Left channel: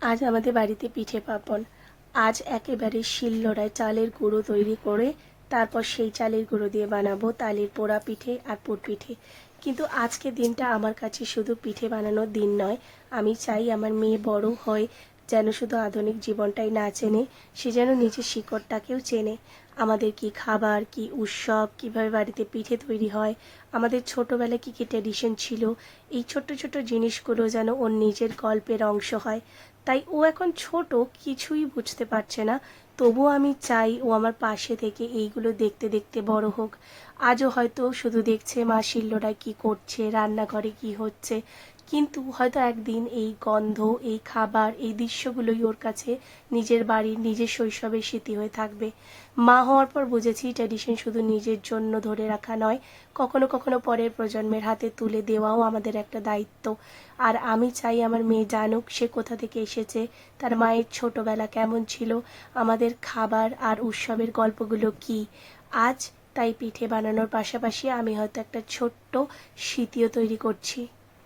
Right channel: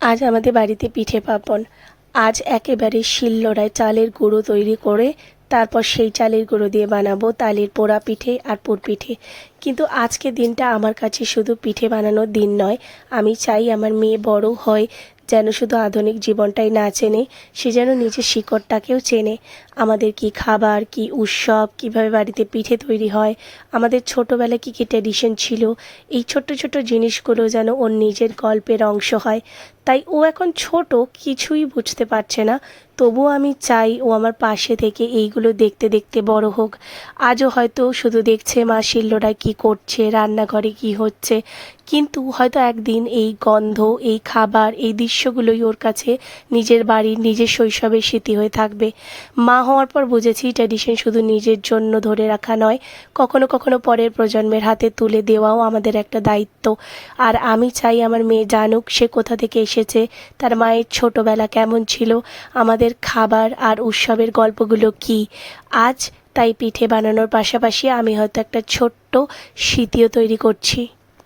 আজ আমাদের বাড়িতে পিঠে পার্বণ। আজ একেবারে শিলনোড়ায় চালের গুঁড়ো তৈরি করে তারপর সেই চালের গুঁড়ো দিয়ে বানাবো তালের পোড়া পিঠে আর পুর পিঠে। কিন্তু আজকের দিনটা আমার কাছে শুধু পিঠে বানানোর দিন নয়। আমি চাই আমার মেয়ে বড় হয় যেন শুধু আধুনিক জীবনটাই না চেনে, সে যেন নিজের শিকড়টাকেও চেনে। আমাদের কি খাবার, কি উৎসব, কীভাবে বাড়িতে পিঠে তৈরি হয়, আমাদের ছোটোবেলায় কী কী ট্র্যাডিশন ছিল, এই ছোট্ট ছোট্ট জিনিসগুলো যেন ওর নিজের গল্পের অংশ হয়। তাই ও এখন ছোট, কিছুই বুঝতে পারছে না, তবুও আমি চাই ও আমার পাশে থেকে এইগুলো দেখতে দেখতে বড় হোক। আজও হয়তো শুধু দেখছে মা শিলনোড়ায় কী করছে, রান্নাঘরে কী হচ্ছে, কিন্তু হয়তো একদিন এই গন্ধ, এই খাবার, এই দৃশ্যগুলোই ওর কাছে নিজের বাড়ির, নিজের শৈশবের স্মৃতি হয়ে থাকবে। মা হওয়ার পর বুঝেছি ট্র্যাডিশন শুধু নিজের জন্য ধরে রাখা নয়, কখনো কখনো পরের প্রজন্মের হাতে তুলে দেওয়াও আমাদের একটা দায়িত্ব। আর আমি চাই আমার মেয়ে জানুক সে কোথা থেকে এসেছে, তার মায়ের ছোটোবেলা কেমন ছিল, আমাদের খাবার আর উৎসবের গল্পগুলো কী। আজ তাই পিঠে বানানোর পাশাপাশি আমি হয়তো একটা ছোট্ট স্মৃতিও তৈরি করছি।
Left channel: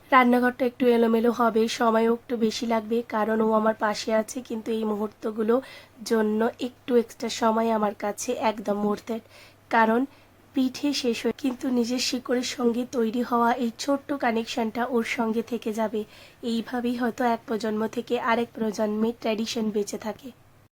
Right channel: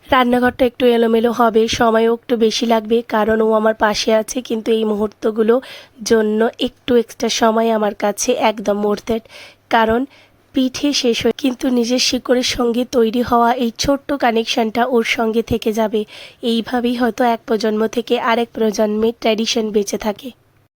রান্নাঘরটা একটু এলোমেলো হবে, সময়ও একটু বেশি লাগবে, কারণ ও আমার পাশে আছে, কিন্তু এই মুহূর্তগুলোর জন্য একটু এক্সট্রা সময় আমার কাছে একদম মুহূর্তের। কারণ পিঠে শেষ হয়ে কিন্তু নিজের শিকড়ের সঙ্গে তৈরি হওয়া এই ছোট্ট কানেকশানটা ওর সঙ্গে থেকে যাবে। এইভাবেই হয়তো এক প্রজন্ম থেকে আরেক প্রজন্মের ট্র্যাডিশন বেঁচে থাকে।